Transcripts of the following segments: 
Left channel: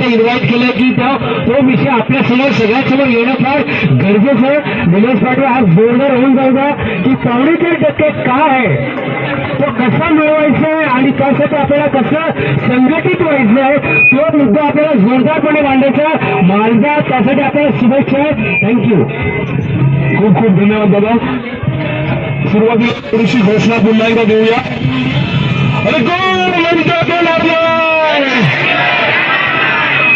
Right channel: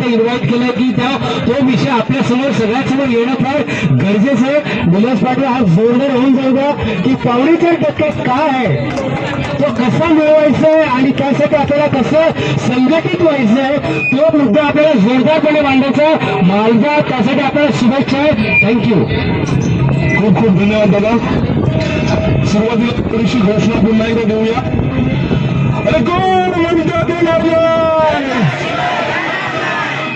इथे इन्व्हाइट केलं की तो विषय आपल्या समोर सगळ्यांसमोर येणं फार गरजेचं आहे. निलेश पाटील हा जोरदार होऊन जाऊगा की 4.5% काय आहे, तो कसा मिळवायचा आहे आणि त्यासाठी आपल्याला कसं संघटित व्हायचं आहे, तो मुद्दा आपल्याला जोरदारपणे मांडायचा. मालदा त्यासाठी आपल्याला शुभेच्छा. थँक्यू. खूप खूप धन्यवाद दादा. सुरुवातीला थोडीशी घोषणा पुन्हा एकदा देऊया. अरे गोल म्हणता देणार नाही,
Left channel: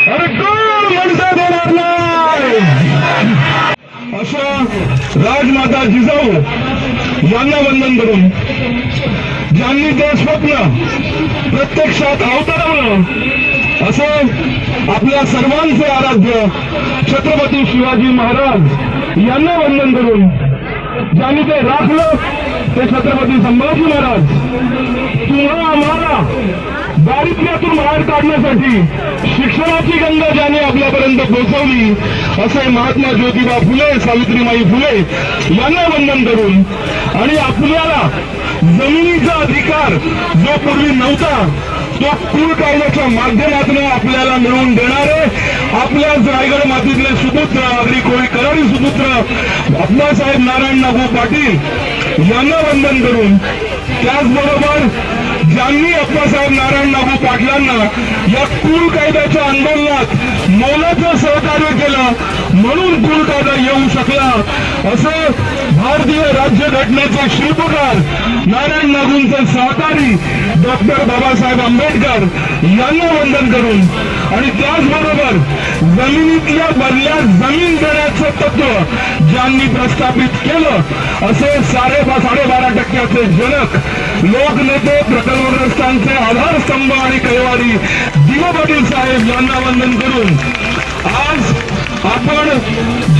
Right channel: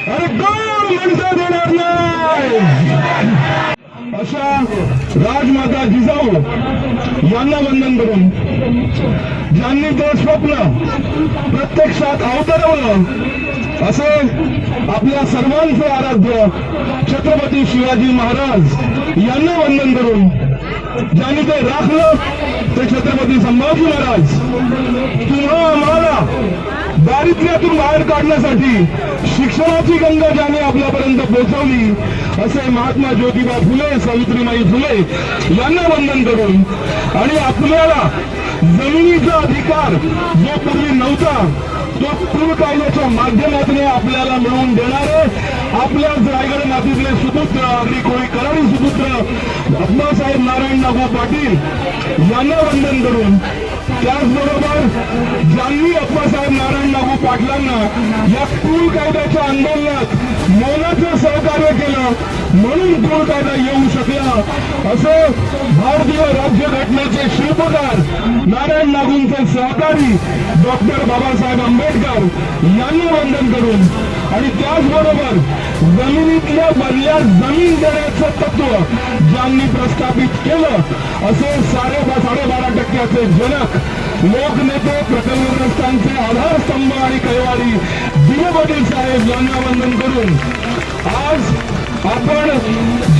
अरे गोल म्हणता देणार नाही, अशा राजमाता जिजाऊ यांना वंदन करून ज्यांनी ते स्वप्न प्रत्यक्षात अवतरवलं असे आपल्या सर्वांचे आराध्य छत्रपती शिवाजी महाराज यांना वंदन करून ज्यांनी ते राखलं ते छत्रपती संभाजी महाराज तुम्हा आम्हाला दारिद्र्यातून बाहेर काढण्यासाठी शिक्षणाची गंगा ज्यांनी आपल्यापर्यंत पोहोचवली असे महात्मा ज्योतिबा फुले सावित्रीबाई फुले यांना वंदन करून आणि आपल्याला जमिनीचा अधिकार जो पूर्वी नव्हता तो कुळ कायद्याच्या माध्यमातून आपल्याला मिळवून देणारे आपल्याच रायगड मातीतले सुपुत्र आगरी कोळी करारी सुपुत्र अप्पासाहेब नारायण नागू पाटील यांना वंदन करून त्याचबरोबर ज्यांनी अप्पासाहेब नारायण नागू पाटलांना या कुळ कायद्याच्या आंदोलनात मोलाचं सहकार्य केलं म्हणून कुळ कायदा येऊ शकला असं भारतीय राज्यघटनेचे शिल्पकार नारायण नागूंचे सहकारी डॉक्टर बाबासाहेब आंबेडकर यांना वंदन करून आणि त्याचबरोबर जमिनीतल्या बदल्या जमीन देण्याचं तत्व ज्यांनी प्रस्थापित केलं असे 12.5% जनक लोकनेते प्रकल्पग्रस्तांचे आधारस्तंभ आणि कैवारी दिवा पाटील साहेब यांना वंदन करून आज आपण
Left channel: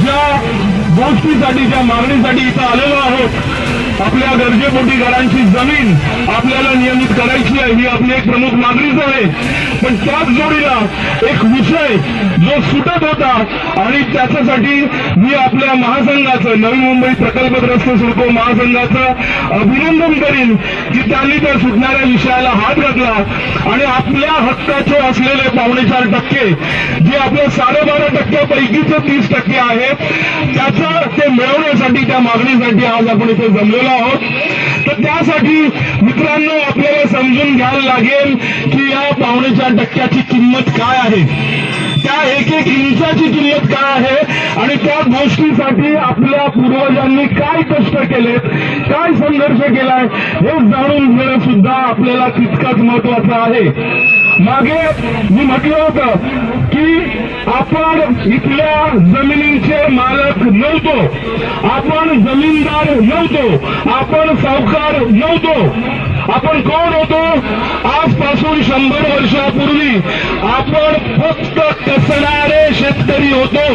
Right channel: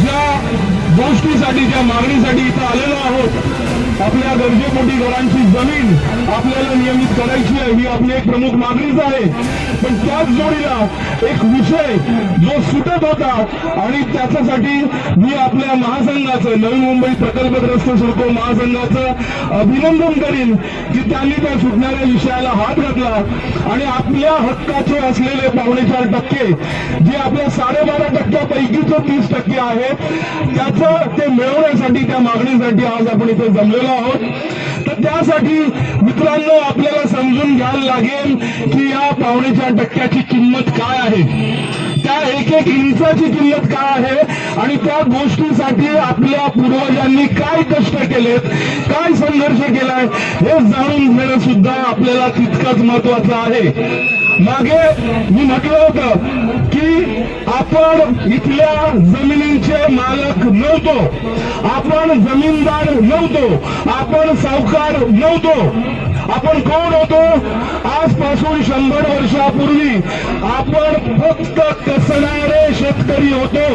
ज्या गोष्टीसाठी ज्या मागणीसाठी इथं आलेलो आहोत आपल्या गरजेपोटी घरांची जमीन आपल्याला नियमित करायची आहे ही आपली एक प्रमुख मागणीच आहे. पण त्याच जोडीला एक विषय जो सुटत होता आणि त्याच्यासाठी मी आपल्या महासंघाचं नवी मुंबई प्रकल्पग्रस्त सिडको महासंघाचं अभिनंदन करीन की त्यांनी त्या सुटणाऱ्या विषयाला हात घातला आणि आपल्या हक्काचे असलेले 4.5% जे आपल्या 12.5% पैकीचे 30% आहेत त्याचं ते मिळवण्यासाठी त्या मागणीसाठी आज आपण इथे जमलेलो आहोत. तर त्यासाठी मित्रांनो आपल्याला समजून घ्यायला लागेल की या 4.5% किंमत काय आहे, त्या एक इंचाची किंमत काय आहे आणि त्या गोष्टीसाठी आपल्या पूर्वजांनी काय कष्ट केलेत, काय संघर्ष केलाय हे जाणून घेणं सुद्धा आपल्याला तितकंच महत्वाचं आहे. मागे मी म्हटलं होतं की आपण इथल्या जमिनींचे मालक नव्हतो, आपण जमीनदार नव्हतो, आपण सावकार नव्हतो. आपण कोण होतो? आजपासून 100 वर्षापूर्वी आपण फक्त कसणारे शेतकरी होतो.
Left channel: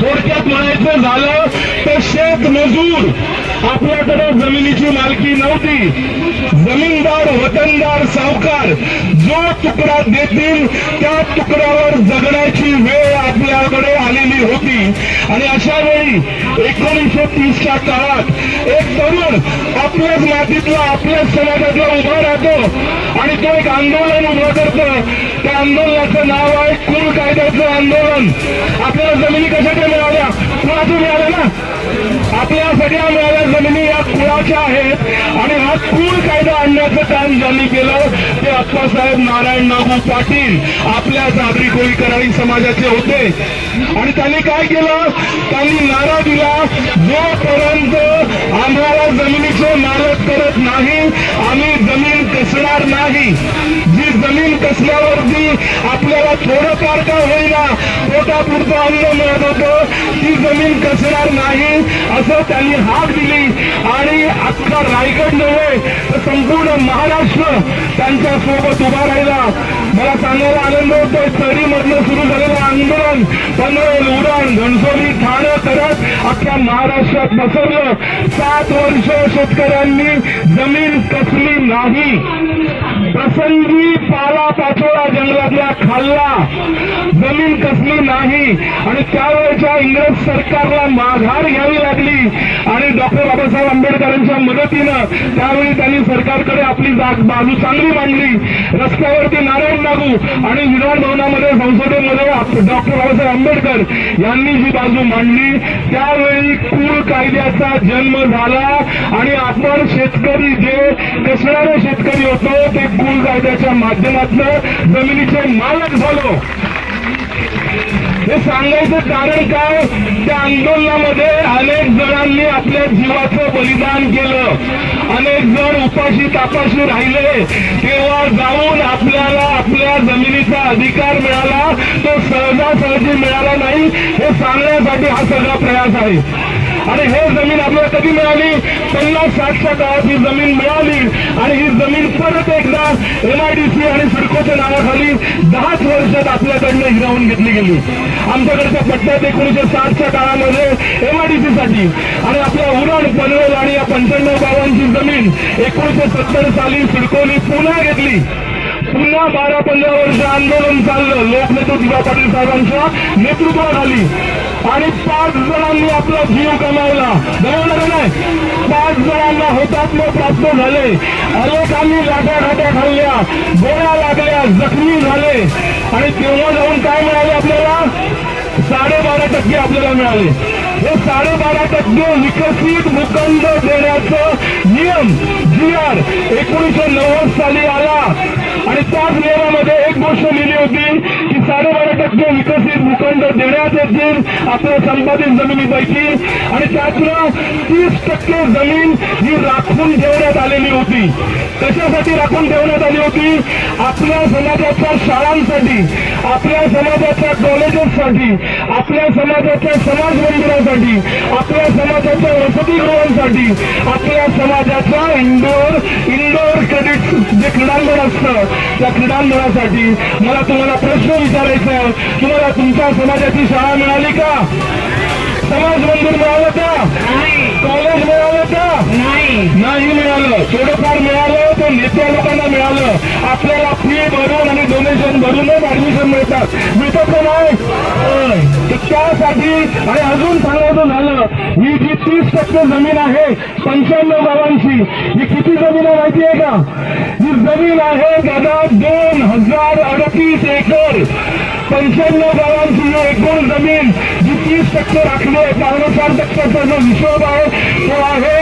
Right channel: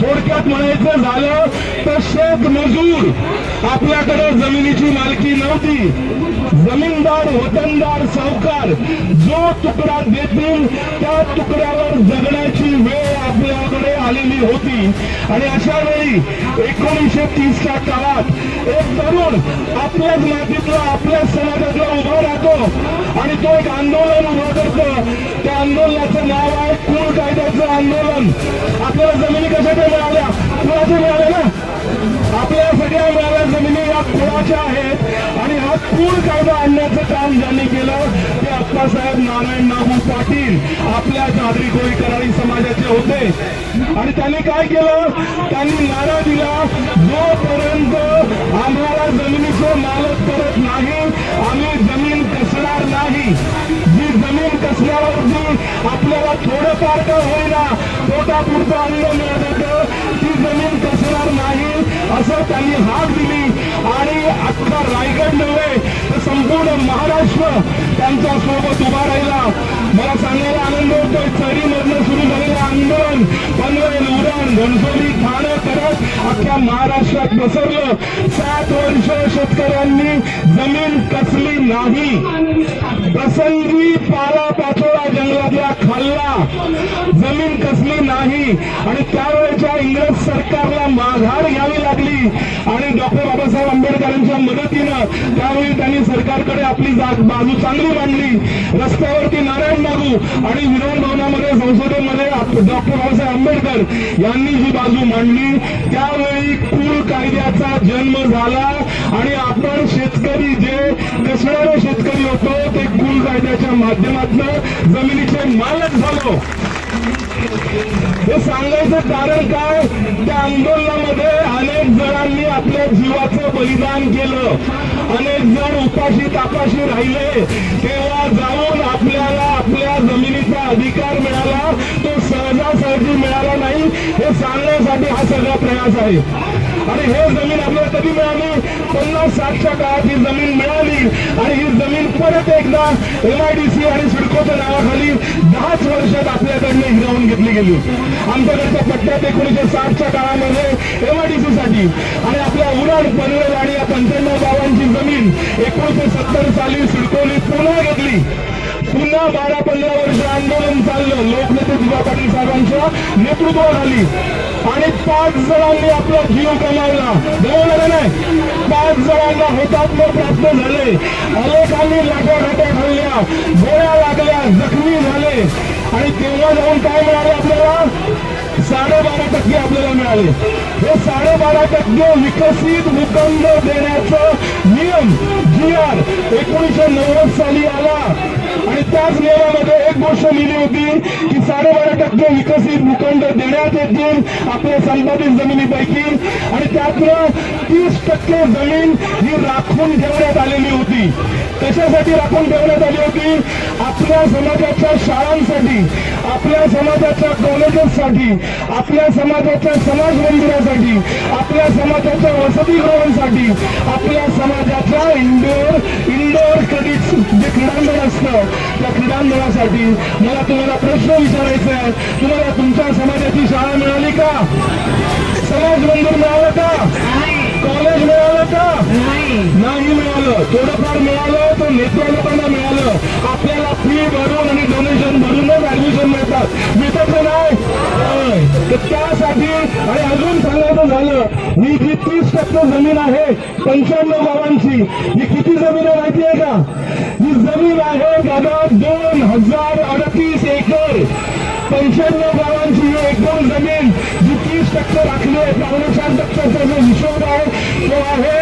थोडक्यात म्हणायचं झालं तर शेतमजूर. आपल्याकडे जमिनीची मालकी नव्हती. जमीनदार वतनदार सावकार जो तुकडा देतील त्या तुकड्यावर जगण्याची वेळ आपल्याकडे आलेली होती. आणि अशा वेळी 1930च्या काळात एक तरुण आपल्याच मातीतला आपल्याच समाजातला उभा राहतो आणि तो एक आंदोलन उभं करतो. त्या आंदोलनाचं नाव आहे कुळ कायद्याचं आंदोलन. आपल्याला जमिनी कशाच्या मिळाल्या? कुळाच्या मिळाल्या ना. आपल्या सगळ्या मिळाल्या जमिनी या कुळाच्या आहेत आणि हा कुळ कायदा आणण्याचं काम ज्यांनी केलं ते अप्पासाहेब नारायण नागू पाटील आपल्याच आगरी कोळी करारी समाजाचे होते. आणि त्यांनी काय केलं? त्यांनी नारा दिला जोपर्यंत आम्हाला जमिनीचे मालक करत नाही आम्ही जमीन कसणार नाही. जी जमीन कसल्यावरती आपल्याला थोडंफार का होईना पोटापुरतं अन्न मिळत होतं ती जमीन कसणार नाही असं त्यांनी हाक दिली. आणि अख्खा रायगड नव्हे तर संपूर्ण महाराष्ट्र त्यांच्या सोबत उभा राहिला. मला सांगायला आनंद होतोय चढीमधनं सुरू झालेलं आंदोलन पनवेल उरण घणसोली ठाणे करत अख्ख्या महाराष्ट्रात पसरलं. 7 वर्ष शेतकऱ्यांनी जमीन कसली नाही. प्रसंगी पाला पाचोळा जंगलातल्या खाल्ला, जमीन कसली नाही. आणि त्यावेळेच्या इंग्रज सरकारला माघार घ्यावी लागली आणि डॉक्टर बाबासाहेब आंबेडकरांच्या मदतीनं त्यावेळी त्यांनी सरकारकडे आपली बाजू चांगली मांडली. रस्त्यावरती नारायण नागू आणि विधान भवनामध्ये संसदेमध्ये डॉक्टर बाबासाहेब आंबेडकर यांनी जी बाजू मांडली त्यावेळी कुळ कायद्याचा जन्म झाला आणि आपण शेतकरी जे कसणारे शेतकरी होतो ते कुळ कायद्याच्या माध्यमातून जमिनीचे मालक झालो. हे सांगायचं कारण काय, त्या आंदोलनामध्ये अनेक जणांनी आपल्या जीवाचं बलिदान केलं, अनेक जण उपाशी तापाशी राहिले, तेव्हा जाऊन आपल्याला आपल्या जमिनीचा अधिकार मिळाला, तो सहजासहजी मिळाला नाही हे सांगण्यासाठी हा सगळा प्रयास आहे. आणि हे जमीन आपल्याला कधी मिळाली, 50-60च्या काळात ही जमीन मिळाली आणि ही जमीन परत एकदा MIDC आणि सिडकोच्या नावाखाली 10च वर्षात आपल्याकडनं हिरावून घेतली गेली. आमच्याकडच्या पट्ट्यात 1960च्या काळामध्ये MIDC साठी आणि आपल्या उरण पनवेल आणि या 95 गावांची जमीन 1970 साली सिडकोने पुन्हा घेतली. पुन्हा 12-15 वर्ष आंदोलन चाललं लोकनेते जीवा पाटील साहेबांच्या नेतृत्वाखाली आणि 5 जणांनी आपला जीव गमावला. गमावला नाही, 5 जणांना हुतात्मा प्राप्त झाले, अनेकांनी लाटाघाट्या खाल्ल्या, गोळ्या लागल्या, जखमी झाले आणि तेव्हा जाऊन काय मिळाले आपल्याला, 12.5% आपल्याला मिळाले. हे 12.5% विकसित भूखंड देण्याचं नियम GR 1990 साली आला आणि त्याच नियमामध्ये एक गोष्ट लिहिली होती की 12.5% विकसित भूखंड देण्यात येतील आपल्या संपादित जमिनीपैकी आणि त्यातलं 30% जमीन ही राखून ठेवण्यात आलेली होती. कशासाठी राखून ठेवण्यात आली होती, आपल्या समाजाच्या शाळांसाठी, आपल्या समाजाच्या कॉलेजेससाठी, आपल्या समाजाच्या समाज मंदिरासाठी, आपल्या समाजाच्या वसतिगृहांसाठी, आपल्या समाजाच्या इंडोर क्रेडिट जे क्रीडांगण असतं त्या क्रीडांगणासाठी. मला तुम्हाला प्रश्न विचारायचा आहे, तुम्हाला तुमच्या समाजाची शाळा मिळाली का, समाज मंदिर मिळालं का, कॉलेज मिळालं का, नाही मिळालं. थोडंफार मिळालं तर नेत्या लोकांना मिळालं. आपल्याला फी भरून आणि डोनेशन भरूनच ऍडमिशन मिळतात का नाही, तर त्यासाठी आणि अजून सांगायचं झालं, ही जी 30% जमीन आहे 95 गावांची, ही किती जमीन आहे माहिती आहे का, ही जमीन आहे दादा 2038 एकर. 95 गावांची ही एकूण जमीन जी 30% राखली आहे, 4.5%चा जो हिशोब आहे तो आहे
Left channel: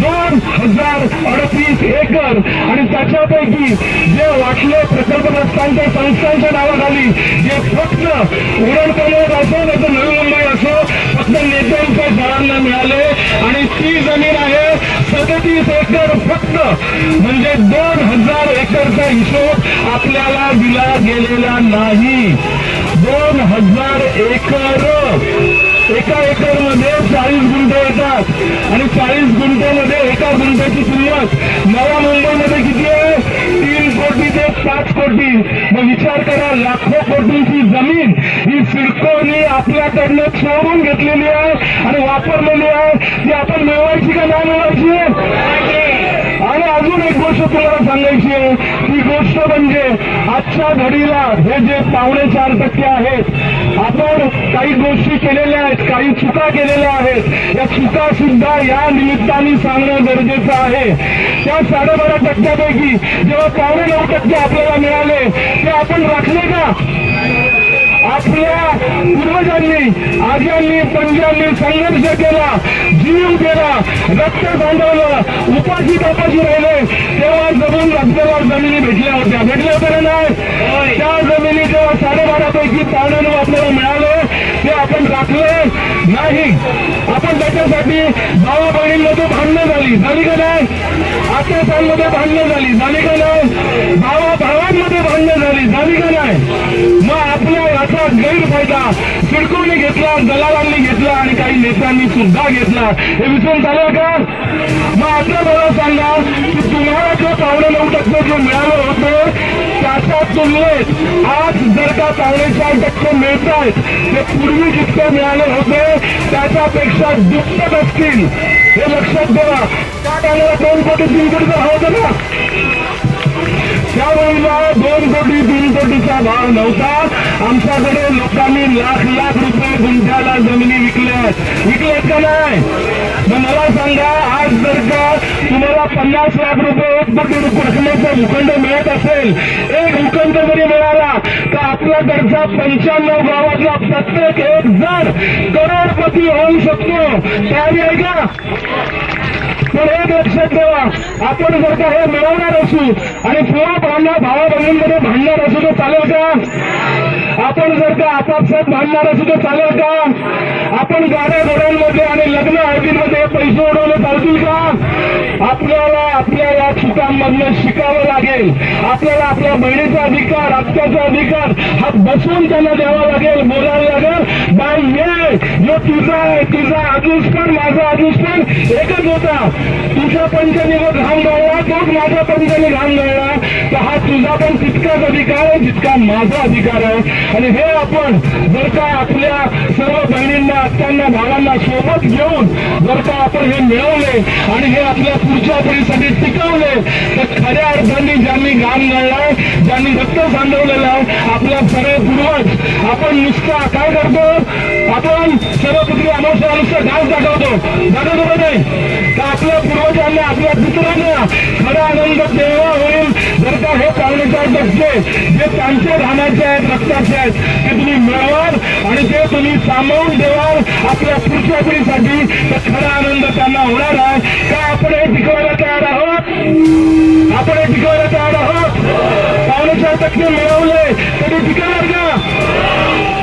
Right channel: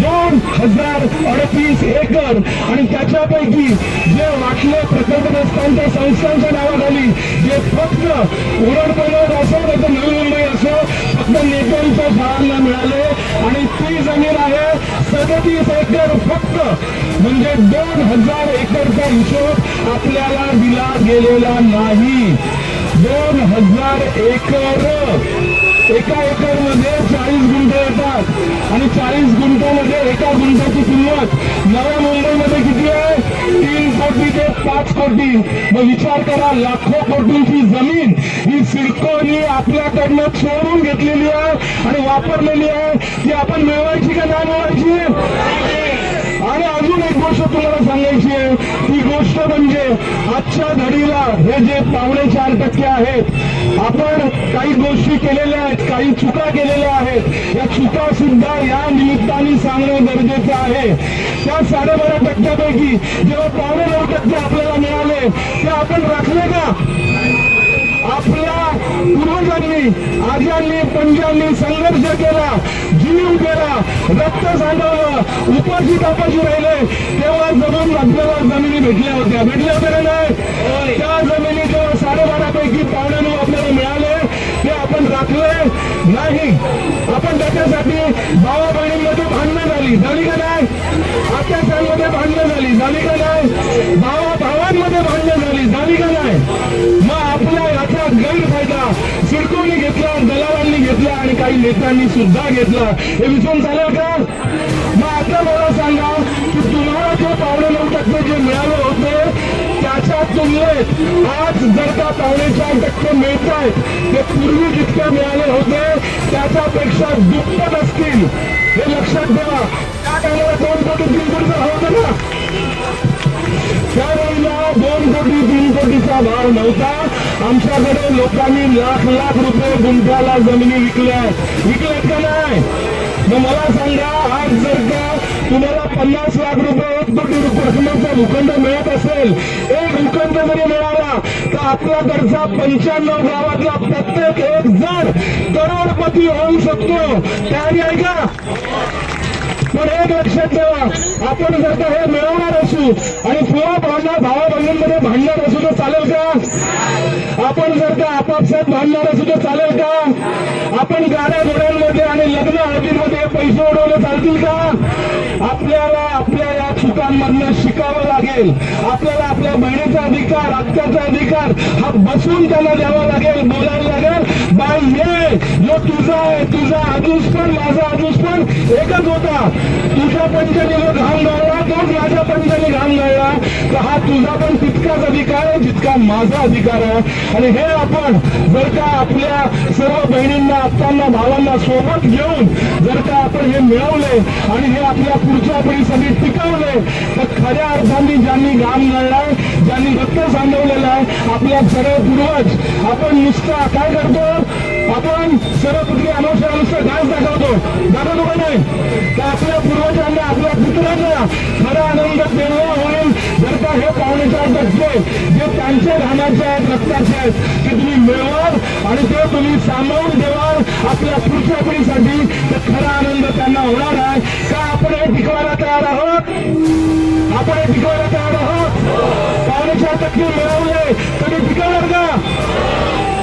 2038 एकर आणि त्याच्यापैकी जे वाटले प्रकल्पग्रस्तांच्या संस्थांच्या नावाखाली जे फक्त उरण पनवेल असो नाही तर नवी मुंबई असो फक्त नेत्यांच्या शाळांना मिळाले आणि ती जमीन आहे 37 एकर फक्त, म्हणजे 2000 एकरचा हिशोब आपल्याला दिला गेलेला नाही. 2000 एकर, एका एकर मध्ये 40 गुंठे येतात आणि 40 गुंठ्यामध्ये एका गुंठ्याची किंमत नव्या मुंबईमध्ये किती आहे, 3 कोटी ते 5 कोटी. मग विचार करा, लाखो कोटींची जमीन ही सिडकोने आपल्याकडनं चोरून घेतलेली आहे आणि वापरलेली आहे. ती आपण मिळवायची का नाही मिळवायची. आणि अजून एक गोष्ट तुम्हाला सांगायची आहे, ती गोष्ट म्हणजे आजच्या घडीला हे जे 4.5% आहेत, आपण काही गोष्टी केलेल्या आहेत, काही चुका केलेल्या आहेत, या चुका सुद्धा या निमित्ताने सांगणं गरजेचं आहे. त्या 12.5% जेव्हा 9.5% आपल्याला मिळाले ते आपण राखले का. आपल्या पूर्वजांनी, आज्यांनी, पंजांनी संघर्ष केला, जीव केला, रक्त सांडवलं, उपाशी तापाशी राहिलोय, तेव्हा जमून आपल्याला जमिनी भेटल्या होत्या ना नाही. त्या जमिनी जेव्हा 12.5पैकी 9.5 आपल्याला मिळाले ते आपण राखले नाही. आपण त्याच्यासाठी भावा बहिणींमध्ये भांडणं झाली का नाही, आत्यासांमध्ये भांडणं झाली का नाही, भावा भावांमध्ये भांडणं झाली का नाही. मग आपल्या याचा गैरफायदा सिडकोने घेतला, दलालांनी घेतला आणि काही नेत्यांनी सुद्धा घेतला. हे विसरून चालेल का. मग आता मला सांगा की तुम्हाला जो 9.5% जे मिळाले होते त्याच्या तुलनेत आज जर का 4.5% मिळत आहेत ते पूर्वी जितके मिळाले होते त्याच्यापेक्षा दुप्पट असतील. हे लक्षात ठेवा. त्या टायमाला 2 कोटी 3 कोटीचा भाव होता ना, त्यावेळेला 2 कोटी 3 कोटीचा भाव नव्हता. आमच्याकडे लोकांनी लाख रुपये गुंठ्याला जमिनी विकल्यात का नाही. मग मला सांगा, आज जर का तुम्हाला 50 लाख रुपये 1 कोटी रकमेचा भूखंड मिळत असेल, एक भूखंड जरी मिळाला तर आपल्याकडचा 95 गावातला प्रत्येक एक जण करोडपती होऊ शकतो. तयारी आहे का? पण एक लक्षात ठेवा, आपण जर का हे मिळवणार असू आणि किंवा भावा बहिणींमध्ये भांडणार असू तर चालेल का? आपण जर का आपापसात भांडणार असू तर चालेल का? आपण गाड्या घोड्यांमध्ये आणि लग्न हळदीमध्ये पैसे उडवले चालतील का? आपल्याला आपल्या या चुकांमधनं शिकावं लागेल. आपल्याला आपल्या बहिणीचा अधिकार, रक्ताचा अधिकार हा बसून त्यांना द्यावा लागेल, बोलायला लागेल. बाई ये तुझा आहे, तुझा आजूस पण माझा आजूस पण एकच होता. तुझ्या पंचाने घाम गाळला, तोच माझ्या पंचाने घाम गाळला, तर हा तुझा पण तितकाच अधिकार आहे जितका माझा अधिकार आहे. आणि हे आपण जर का आपल्या सर्व बहिणींना, आत्यांना, भावांना सोबत घेऊन जर का आपण हे मिळवले आणि हे आपल्या पुढच्या पिढीसाठी टिकवले, तर खऱ्या अर्थाने ज्यांनी घाम गाळलाय, ज्यांनी रक्त सांडवलेलं आहे, आपल्या सर्व पूर्वज, आपण नुसता काय करतो, आपण सर्वपुत्री अमावस्या नुसतं डान्स दाखवतो का नाही? तर आपल्या पूर्वजांना, आपल्या पितरांना खरा आनंद तेव्हा होईल जर का हे 4.5% जे त्यांच्या घामाचे आहेत, रक्ताचे आहेत, ते तुम्ही मिळवाल आणि ते तुम्ही सांभाळून ठेवाल आपल्या पुढच्या पिढीसाठी, तर खरा आनंद त्यांना होणार आहे. का आपण हे टिकवायला तयार आहोत? आपण हे टिकवायला तयार आहोत? 4.5% मिळवले तरी टिकवणार का?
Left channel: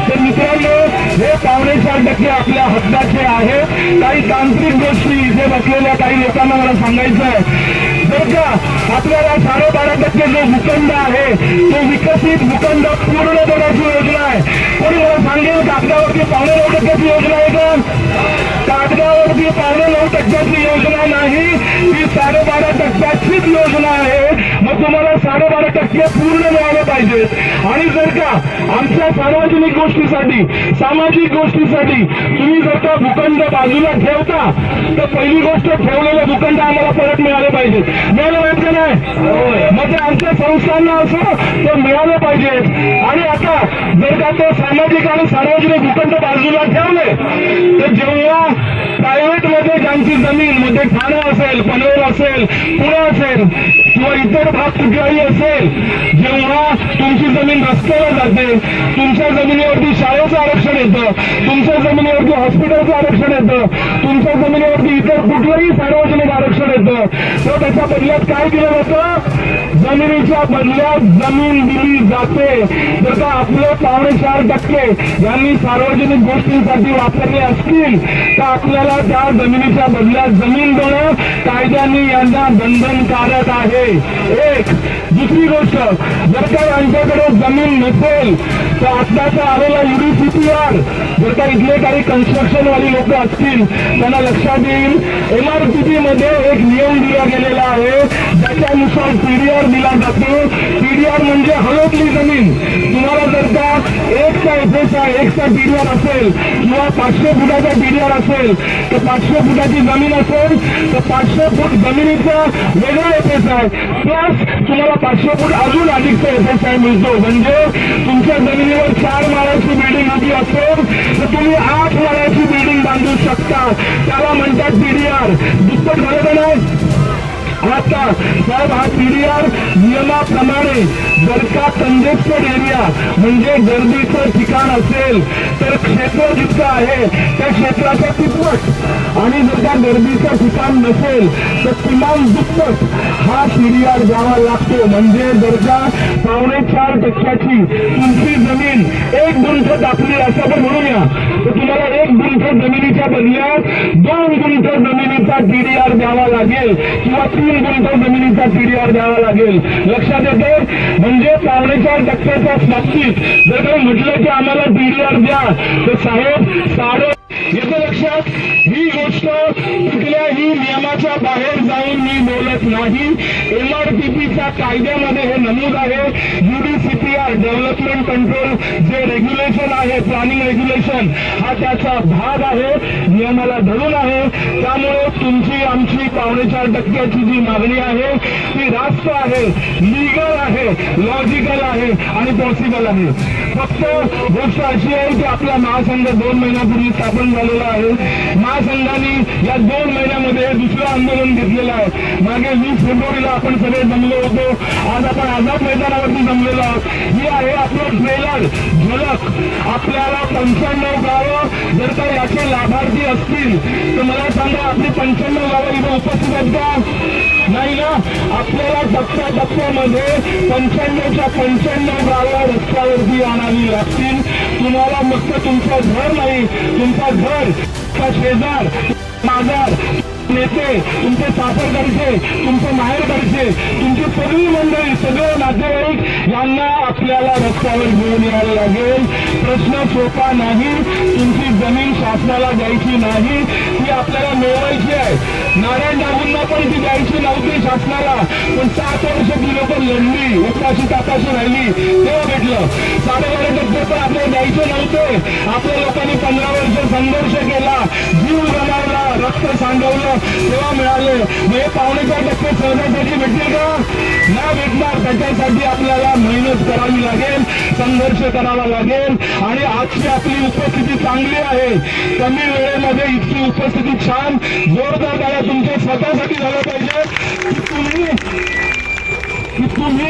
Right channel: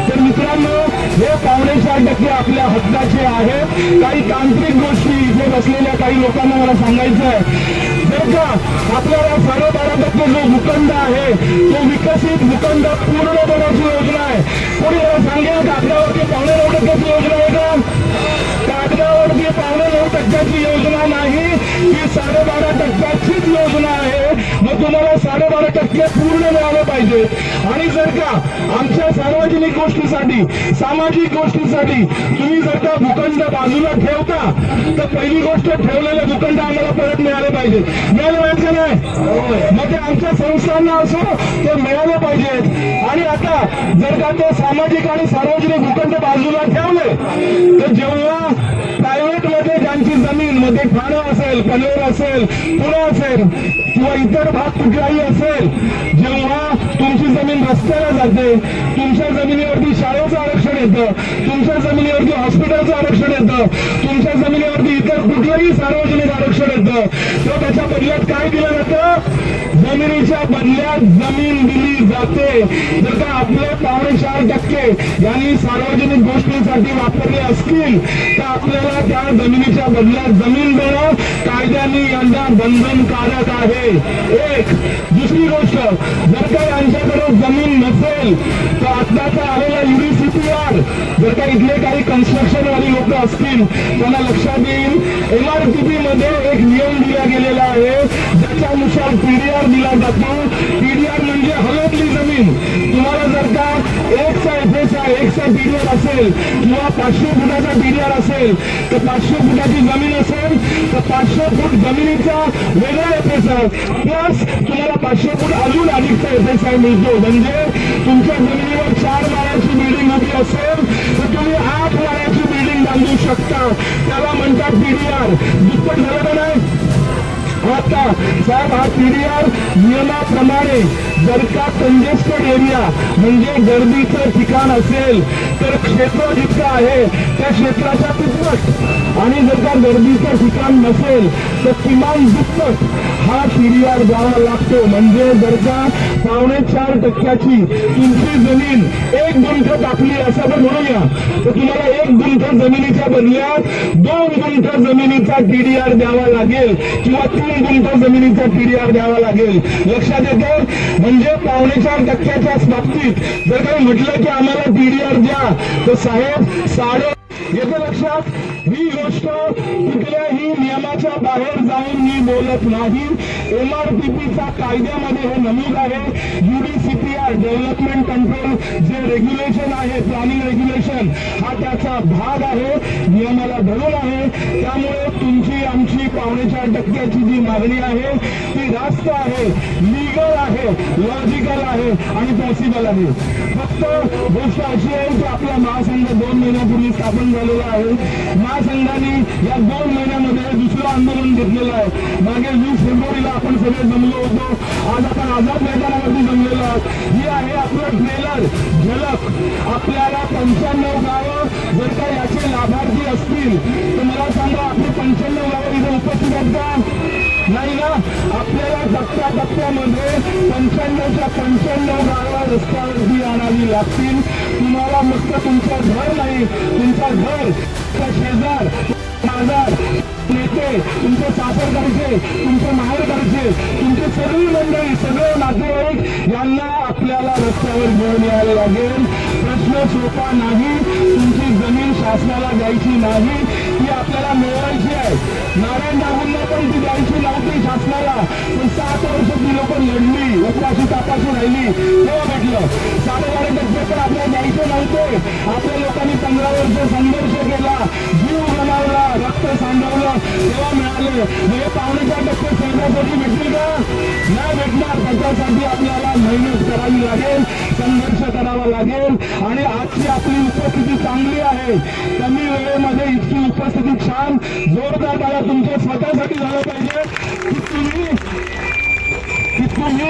तर मित्रांनो, हे 4.5% आपल्या हक्काचे आहे. काही तांत्रिक गोष्टी इथे बसलेल्या काही लोकांना मला सांगायचं आहे. जर का आपल्याला 12.5% जो भूखंड आहे तो विकसित भूखंड पूर्ण देण्याची योजना आहे. कोणी मला सांगेल कागदावरती 9.5% योजना आहे का? कागदावरती 9.5% योजना नाही, ही 12.5%चीच योजना आहे. मग तुम्हाला 12.5% पूर्ण मिळालं पाहिजे. आणि जर का आमच्या सार्वजनिक गोष्टीसाठी, सामाजिक गोष्टीसाठी तुम्ही जर का भूखंड बाजूला ठेवता, तर पहिली गोष्ट ठेवलेले भूखंड आम्हाला परत मिळाले पाहिजे. मिळालं पाहिजे नाही? मग ते आमच्या संस्थांना असो ते मिळालं पाहिजे. आणि आता जर का ते सामाजिक आणि सार्वजनिक भूखंड बाजूला ठेवले, तर जेव्हा प्रायव्हेट मध्ये ज्यांची जमीन मध्ये ठाणं असेल, पनवेल असेल, पुणे असेल किंवा इतर भाग कुठलाही असेल, जेव्हा तुमची जमीन रस्त्याला जाते, तुमच्या जमिनीवरती शाळेचं आरक्षण येतं, तुमच्या जमिनीवरती हॉस्पिटलचं आरक्षण येतं, तुमच्या जमिनीवरती इतर कुठलंही सार्वजनिक आरक्षण येतं, तर त्याच्या बदल्यात काय दिलं जातं? जमिनीच्या बदल्यात जमीन दिली जाते. जर का आपले 4.5% यांनी सार्वजनिक गोष्टींसाठी वापरले असतील, तर आपल्याला त्या जमिनीच्या बदल्यात जमीन देणं कायद्याने यांना बंधनकारक आहे. एक दुसरी गोष्ट, जर का यांच्याकडे जमीन नसेल तर आत्ताचा आलेला UDCPR, जर का इथले काही कन्स्ट्रक्शन वाली लोक असतील त्यांना लक्षात येईल, MRTP मध्ये एक नियम दिला गेलेला आहे ज्याच्यानुसार PDR दिला जातो. PDR म्हणजे हवेतली जमीन. तुम्हाला जर का 1चा FSI, 1चा PDR असेल किंवा 500 फुटाचा PDR असेल, तर 500 फुटाची जमीन असेल तर 500 फूट जमिनीचा वेगळा FSI प्लस तुम्हाला 500 फूट अजून अधिकचा FSI मिळतो. म्हणजे तुमच्या जमिनीवर 4 माळ्याची बिल्डिंग उभी असेल तर तुम्ही 8 माळ्याची बिल्डिंग बांधू शकता. त्याला म्हणतात PDR. दुप्पट झालं नाही? आता साहेब, हा PDR नियमाप्रमाणे जर का कंजेस्टेड एरिया म्हणजे गर्दीचं ठिकाण असेल तर क्षेत्र जितकं आहे त्या क्षेत्राच्या तिप्पट, आणि जर का गर्दीचं ठिकाण नसेल तर किमान दुप्पट हा PDR द्यावा लागतो. म्हणजे जर का 4.5% तुमची जमीन 1 गुंठ टाकली असं आपण म्हणूया, तर तुम्हाला 1 गुंठ जमिनीच्या बदल्यात 2 गुंठ जमिनीचा PDR द्यावा लागेल किंवा 3 गुंठ जमिनीचा PDR द्यावा लागेल. लक्षात येते? म्हणजे 4.5%च्या बाबतीत जर काही म्हटलं की आम्हाला PDR द्या, तर साहेब येते लक्षात? ही गोष्ट कुठल्याही नियमाच्या बाहेर जाऊन मी बोलत नाही. MRTPच्या कायद्यामध्ये हे नमूद आहे. UDCPR डेव्हलपमेंट कंट्रोल जे रेग्युलेशन आहे, प्लॅनिंग रेग्युलेशन, हा त्याचा भाग आहे, नियमाला धरून आहे. त्यामुळे तुमची आमची 4.5% जी मागणी आहे ती रास्त आहे, लिगल आहे, लॉजिकल आहे आणि पॉसिबल आहे. फक्त गोष्ट अशी आहे की आपला महासंघ 2 महिन्यापूर्वी स्थापन झालेला आहे. महासंघाने या 2 महिन्यामध्ये दुसरं आंदोलन घेतलेलं आहे. मागे 20 फेब्रुवारीला आपण सगळे जमलो होतो. आज आपण आझाद मैदानावरती जमलेलो आहोत. ही आहे आपलं ट्रेलर झलक. आपल्याला 95 गावं जर का याचे लाभार्थी असतील तर मला सांगा, आपली 95 गावं इथे उपस्थित आहेत का? नाही ना. आपल्याला टप्प्यामध्ये 95च्या 95 गावं रस्त्यावरती आणावी लागतील. तुम्हाला फक्त तुमचं घर नाही, तुमचा घर, तुमचा शेजार, माजार, नेते, तुमचे सासरकडचे, तुमचे माहेरकडचे, तुमची सगळी मंडळी, सगळे नातेवाईक यांना आपल्याला रस्त्यावर घेऊन यायला लागेल. प्रश्न सोपा नाही. तुमची जमीन शासनाला द्यायची नाही, ती आपल्याला मिळवायची आहे. नारायण राऊंना पण ती द्यायची नव्हती शासनाला, पण 7 वर्ष ती लोक लढली, उपाशी तापाशी राहिली, तेव्हा भेटलं. 12.5% पण आपल्याला द्यायचे नव्हते. आपल्या लोकांनी 15 वर्ष संघर्ष केला, जीव गमावला, रक्त सांडवलं, तेव्हा मिळाले. म्हणजे 4.5% सहजासाठी भेटतील का? नाही भेटणार. त्याच्यासाठी आपल्याला मेहनत करावी लागेल, संघर्ष करावा लागेल. आणि आजची आपली उपस्थिती चांगली आहे. कमी वेळेमध्ये इतकी उपस्थिती छान, जोरदार गाड्या तुमच्या स्वतःसाठी झालं पाहिजे की तुम्ही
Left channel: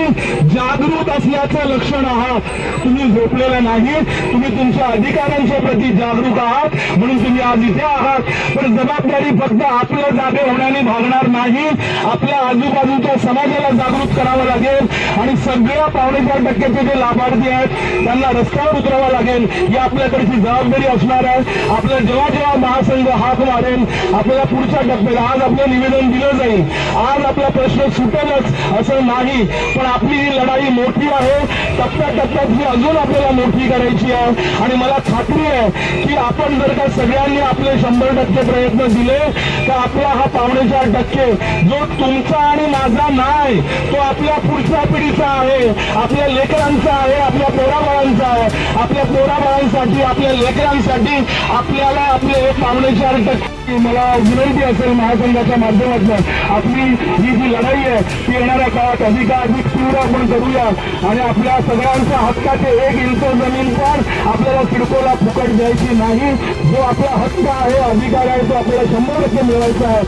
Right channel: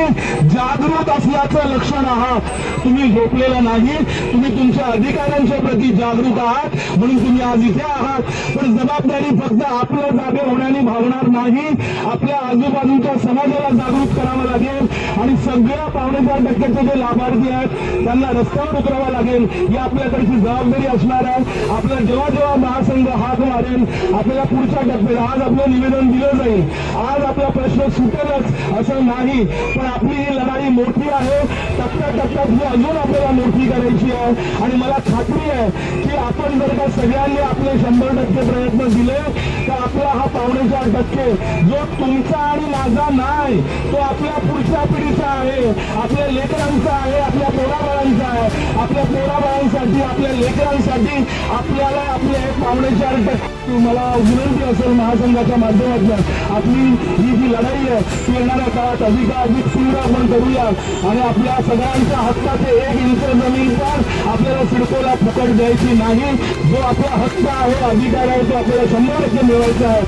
जागृत असल्याचं लक्षण आहात. तुम्ही झोपलेलं नाही, तुम्ही तुमच्या अधिकारांच्या प्रती जागरूक आहात, म्हणून तुम्ही आज इथे आहात. पण जबाबदारी फक्त आपल्या जागे होण्याने भागणार नाही. आपल्या आजूबाजूच्या समाजाला जागृत करावं लागेल आणि सगळ्या 4.5% जे लाभार्थी आहेत त्यांना रस्त्यावर उतरावं लागेल. ही आपल्याकडची जबाबदारी असणार आहे. आपल्या जेव्हा जेव्हा महासंघ हाक मारेल, आपल्याला पुढच्या टप्प्याला आज आपलं निवेदन दिलं जाईल. आज आपला प्रश्न सुटेलच असं नाही, पण आपली ही लढाई मोठी आहे. टप्प्याटप्प्यात ही अजून आपल्याला मोठी करायची आहे. आणि मला खात्री आहे की आपण जर का सगळ्यांनी आपले 100% प्रयत्न दिले तर आपला हा 4.5% जो तुमचा आणि माझा नाही, तो आपल्या पुढच्या पिढीचा आहे, आपल्या लेकरांचा आहे, आपल्या पोराबाळांचा आहे. आपल्या पोराबाळांसाठी, आपल्या लेकरांसाठी आपल्याला आपले 4.5% मला विनंती असेल महासंघाच्या माध्यमातून आपली ही जी लढाई आहे ती येणाऱ्या काळात अधिक तीव्र आपण करूया. आणि आपल्या सगळ्यांच्या हक्काचे 1 इंच जमीन पण आपल्याला सिडकोला फुकट द्यायची नाही. जो आपला हक्क आहे, अधिकार आहे, तो आपल्याला 100% मिळवायचा आहे,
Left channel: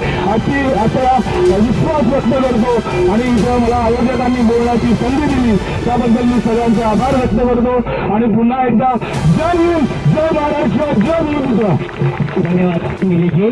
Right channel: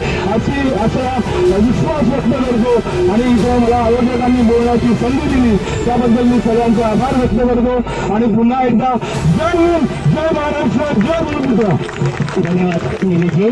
असा विश्वास व्यक्त करतो. आणि इथं मला आयोजकांनी बोलण्याची संधी दिली त्याबद्दल मी सगळ्यांचे आभार व्यक्त करतो. आणि पुन्हा एकदा जय हिंद, जय महाराष्ट्र, जय भूमिपुत्र. धन्यवाद निलेशजी.